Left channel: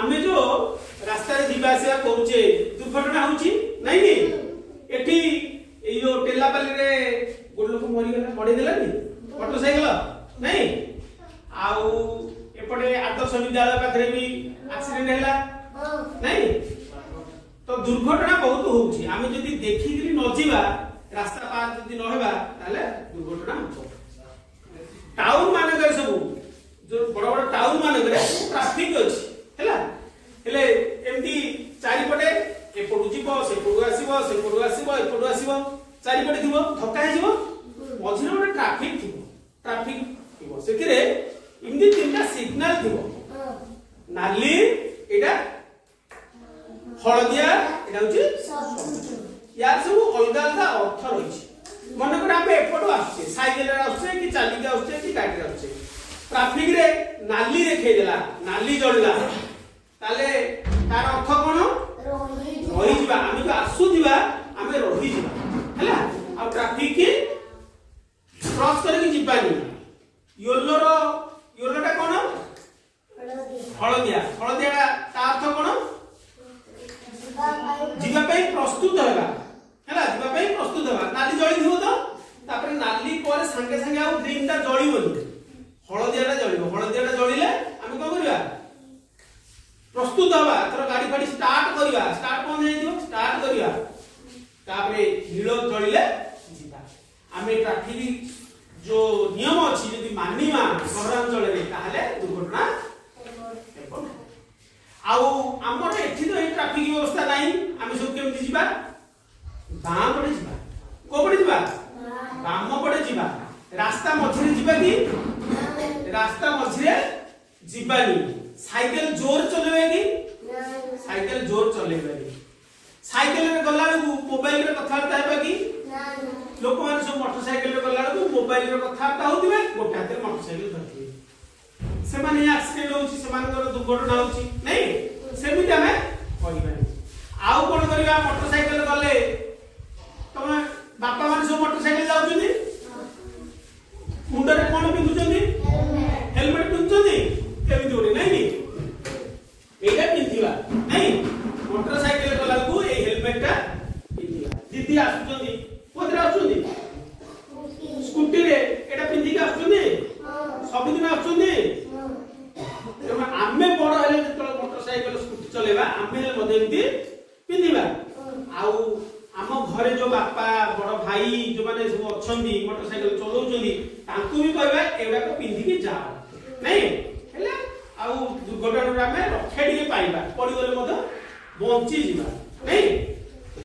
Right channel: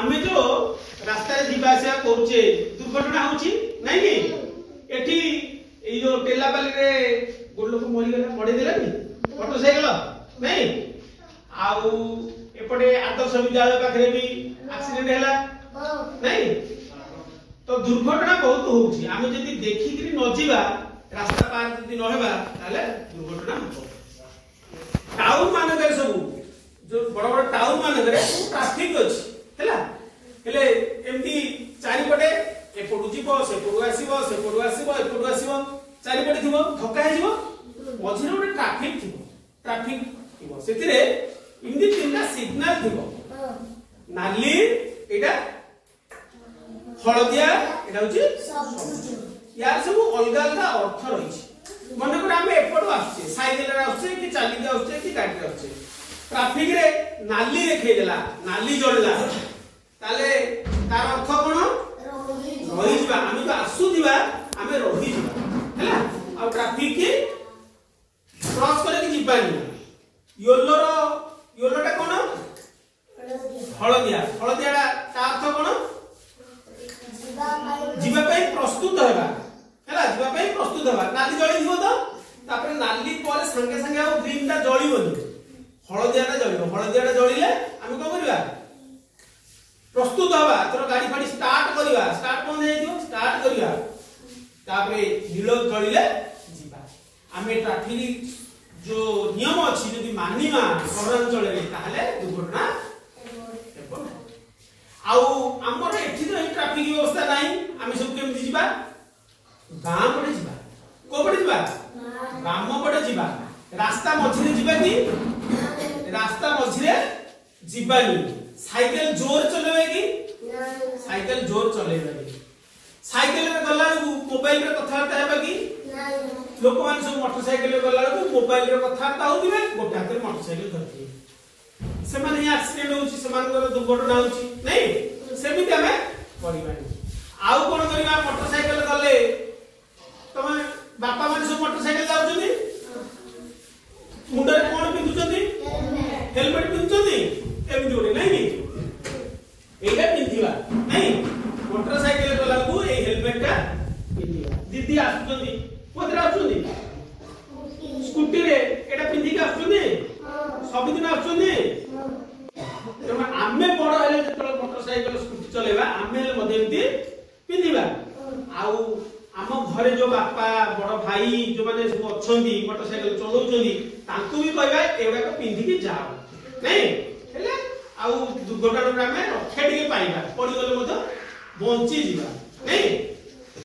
आमे जो रास्ता रे दिबा आसिया करूचे दुर्घटना होची नहीं कि एठी ए जो टेलापाली रे गोड लोक मरि गेला पड़े देला नि मोटरसाइकिल नहीं आउ एपटे आदर्श विद्यालय पाखरे भी एक्सीडेंट हैला नहीं तो दुर्घटना बहुत होउची आमे जदी देखि कि न जीवा रास्ता पार जदी न हेबा ताले दुर्घटना हो टाउन माने गय सब जो बड़ बड़ टाउन माने गय ट्रैफिक अछि हैला हेले एमती चारिपटे एपटू जीव सेपटू आसीबो एपटू आसीबो चारिपटे थिबो धक्का हिजिबो मझिरे गोटे ट्रैफिक थिबो सेतिरे इमदी तीनटा सिग्नल थिबो नाली एटा हळदिया एटा होची यार सब अलगा अलगा अर्थ रहिछि मन कर आमे एपटू आछे साइकेल रे आछे कि चाली के आछे कि गाड़ी रे आछे ट्रैफिक रे नाली देखाई देला नाली जळला ताले तार अर्थ कोन रही जिबा आमे जो आसुदिबा आमे रही जिबा हैला आ ट्रैफिक के क्रॉस करे कि जिबानी योलोटा कोन हळदिया ता अर्थ कोन जिबा पई प्रस्तुत हेबा हैला जिबा पई प्रस्तुत हेबा नाली जळी दिबो तो तापर नाली पर संगे संगे आ ड्रीम ता जळीबो हळदियाटा जळिले आमे को करिया प्रस्तुत हवा तोर गाड़ी फाड़ी स्टार्ट कोन हे दियो स्टार्ट करिया तापरे नीलो जळिले जिबा आमे ट्रैफिक जो नियम अछि यदि मानिमा सहरांचल रे ताहले दुर्घटना हेबो आउ हमर एठी तो ट्रैफिक व्यवस्था नाही आमे सब केमि जिबा गां पड़े जिबा को पड़े जिबा गाम पड़े जिबा रास्ता मझिरे जिबा कि रास्ता मझिरे जिबानी साइकिल जोर चलेबे कि साइकिल जोर चलेबे साइकिल रे गल्ला मोबाइल रे कथा हेबा कि लोक मान सब मोटरसाइकिल रे गल्ला मोबाइल रे कथा होतिबे गोटे हाथ रे मोटरसाइकिल धरती से माने एक्सीडेंट होची से माने दुर्घटना होची नहीं सेमिति हमें करिबानी आउ कोन करिबा मोटरसाइकिल गले तमे बापा मान सब मोटरसाइकिल जाउछनी मुंडे कोन पिंदुचंदी हेलमेट पिंदुचंदी केमि जोड़े नहीं एटा पिंदिला नहीं मोटरसाइकिल गला को ए हेलमेट का पिंदिला दीदी आसुचंदी कोथरे आसुचंदी स्कूटी रे एटा पिंदी के आसुचंदी सब दिन आसुचंदी तमे आमे बड़ हेले जतले मोटरसाइकिल स्कूटी चलेबा आमे हेले मदेंती पिंदिबा आउ आम घरे जो बापा बड़ भाई जो माने सब अछंदी मोटरसाइकिल चलाउचंदी तांकू भी कहबा एवडा को पिंदी के जाओ नहीं हेले आउ दुर्घटना रे हमें रक्षा टिके पाइबा पड़ी गले मत बंची जिबा नहीं